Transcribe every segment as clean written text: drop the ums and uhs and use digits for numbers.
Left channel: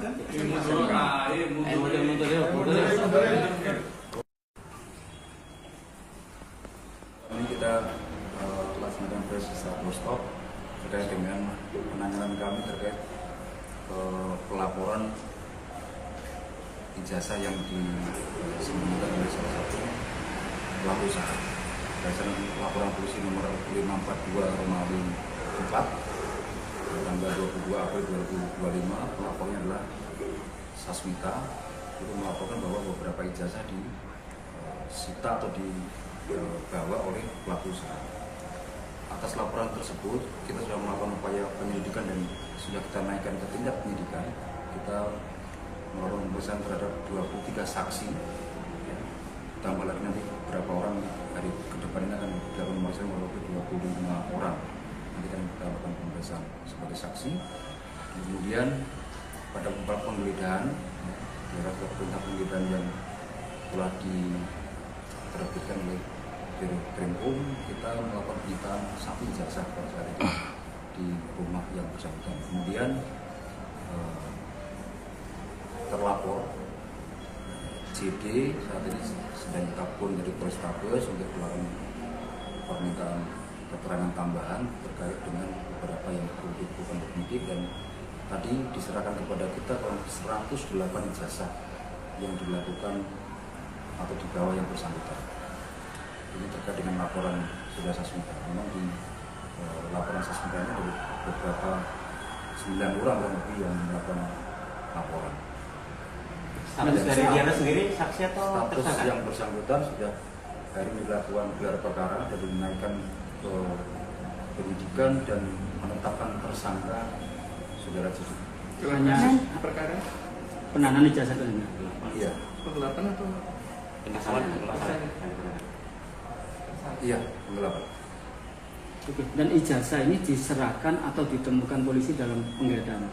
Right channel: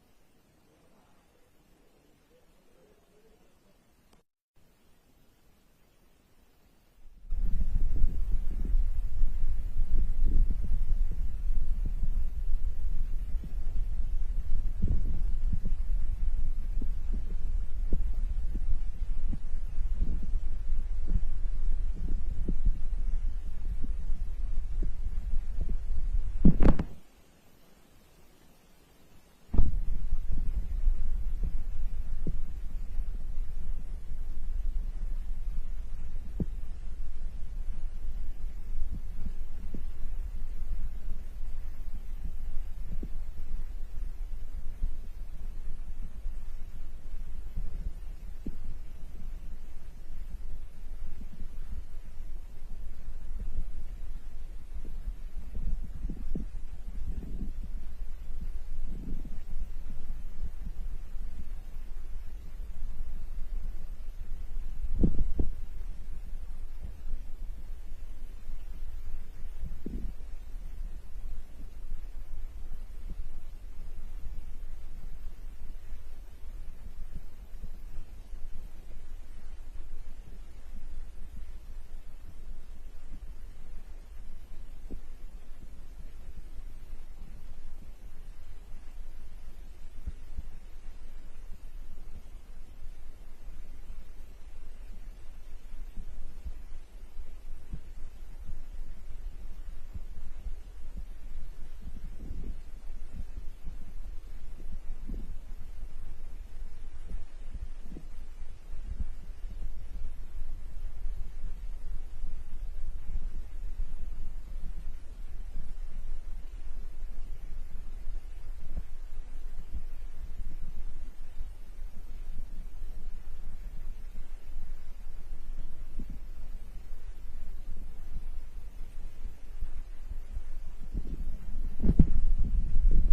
Ini kita laksanakan proses stop terkait dengan penanganan kami terkait pelaporan ijazah yang disembunyikan oleh salah satu pelaku usaha. Berdasarkan laporan polisi nomor 542 Romawi 4 tanggal 22 April 2025, pelapornya adalah Sasmita, itu melaporkan bahwa beberapa ijazah disita atau dibawa oleh pelaku usaha. Atas laporan tersebut, kita sudah melakukan upaya penyelidikan dan sudah kita naikkan ke tingkat penyidikan. Kita melakukan pemeriksaan terhadap 23 saksi. Tambah lagi nanti beberapa orang dari ke depan ini akan dilakukan pemeriksaan melalui 25 orang. Nanti kan kita lakukan pemeriksaan sebagai saksi. Kemudian pada beberapa penggeledahan, perintah penggeledahan yang telah diterbitkan oleh Krimum, kita melakukan penyitaan satu ijazah pada saat itu di rumah yang bersangkutan. Kemudian terlapor JD saat ini sedang ditelepon dari Polrestabes untuk melakukan permintaan keterangan tambahan terkait dengan beberapa yang perlu dilakukan penyidik, dan tadi diserahkan kepada kita 108 ijazah yang dilakukan atau dibawa yang bersangkutan. Ini terkait dengan laporan sudah Sasmita. Memang di laporan Sasmita ini ada beberapa 9 orang yang lebih yang melakukan laporan. Status dari dia sendiri saksi atau status tersangka? Yang bersangkutan sudah hari ini dilakukan gelar perkara dan dinaikkan ke penyidikan dan menetapkan tersangka saudara Cici. Hanya perkara penahanan ijazah itu? Iya. Penggelapan atau penggelapan? Iya, penggelapan. Oke. Dan ijazah ini diserahkan atau ditemukan polisi dalam penggeledahan?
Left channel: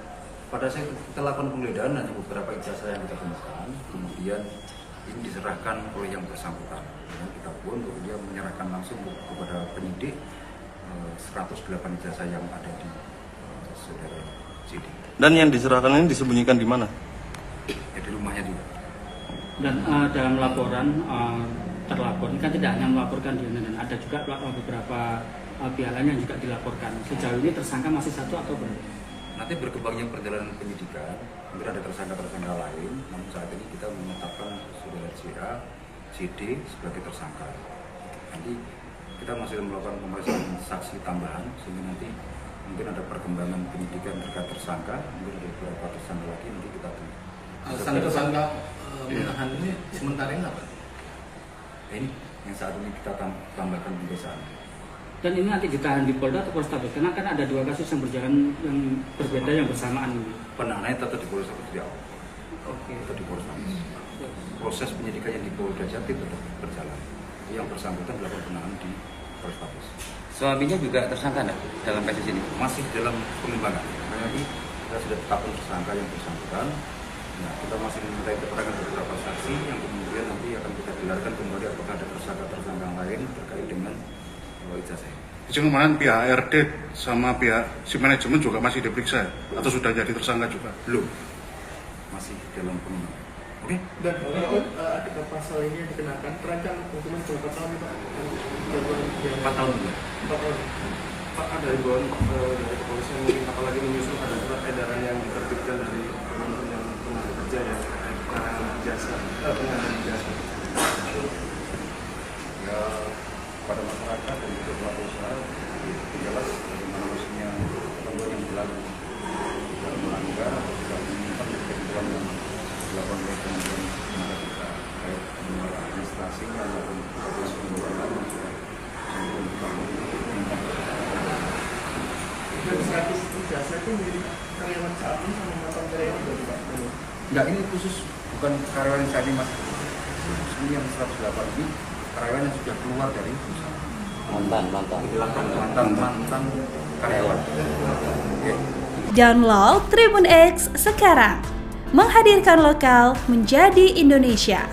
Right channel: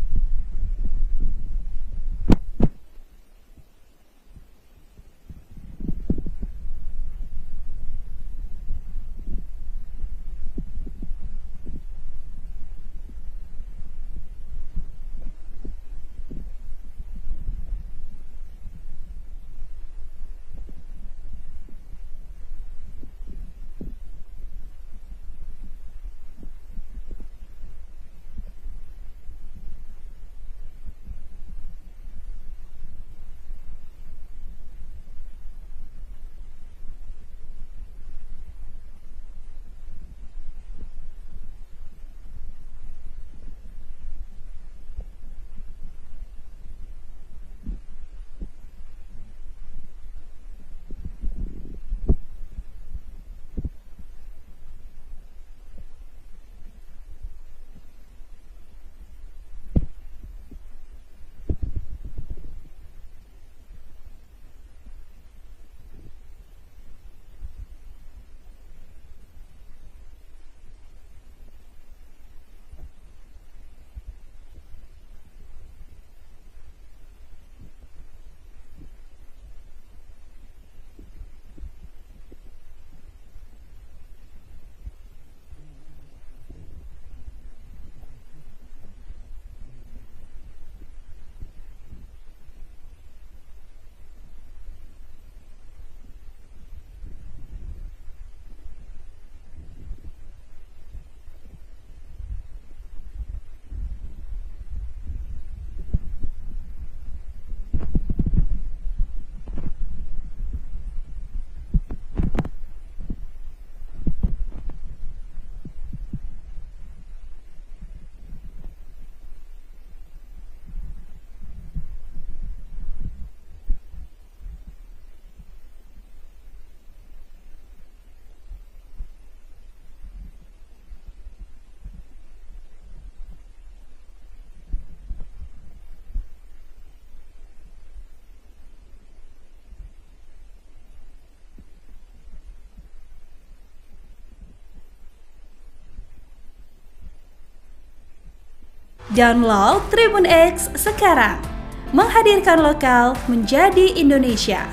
Pada saat kita lakukan penggeledahan ada beberapa ijazah yang kita temukan, kemudian ini diserahkan oleh yang bersangkutan. Dan kita pun dia menyerahkan langsung kepada penyidik 108 ijazah yang ada di saudara CD. Dan yang diserahkan ini disembunyikan di mana? Ya, di rumahnya dia. Dan dalam laporan terlapor ini kan tidak hanya melaporkan dia, dan ada juga beberapa pihak lain yang juga dilaporkan. Sejauh ini tersangka masih satu atau berapa? Nanti berkembangnya perjalanan penyidikan, mungkin ada tersangka-tersangka lain, namun saat ini kita menetapkan saudara CA, CD sebagai tersangka. Nanti kita masih melakukan pemeriksaan saksi tambahan, sehingga nanti mungkin ada perkembangan penyidikan terkait tersangka, mungkin ada beberapa tersangka lagi, nanti kita tersangka menahan ini sementara ini apa? Ini yang saat ini kita tambahkan pemeriksaan. Dan ini nanti ditahan di Polda atau Polrestabes? Karena kan ada dua kasus yang berjalan yang berbeda yang bersamaan ini. Penahanannya tetap di Polrestabes di awal. Oke. Tetap di Polrestabes. Proses penyidikan yang di Polda Jatim tetap berjalan. Yang bersangkutan dilakukan penahanan di Polrestabes. Suaminya juga tersangka enggak dalam kasus ini? Masih dalam pengembangan. Nanti kita sudah tetapkan tersangka yang bersangkutan. Nah, kita masih meminta keterangan beberapa saksi yang kemudian nanti akan kita gelarkan kembali apakah ada tersangka-tersangka lain terkait dengan ijazah. Jadi kemarin pihak ARD sama pihak si manajemen juga masih diperiksa atau sudah jadi tersangka juga? Belum. Masih dalam pengembangan. Oke? Dan ada pasal ini yang dikenakan terancam hukuman berapa tahun Pak? 4 tahun. 4 tahun. Pak, ada himbauan dari kepolisian mungkin apalagi menyusul ada surat edaran yang diterbitkan dari Kementerian Tenaga Kerja ya, penanganan ijazah. Ya, pada masyarakat dan juga pelaku usaha jelas bagaimana mestinya ketentuan yang berlaku, tidak melanggar atau tidak menyimpang ketentuan yang dilakukan oleh Kementerian Tenaga Kerja terkait dengan administrasi maupun proses pembuatan yang sudah Dan 100 ijazah itu milik karyawan saat ini sama mantan karyawan dari Pak? Enggak, ini khusus bukan karyawan yang saat ini mas. Ini yang 108 ini karyawan yang sudah keluar dari perusahaan. Mantan karyawan. Oke. Download Tribun X sekarang, menghadirkan lokal menjadi Indonesia.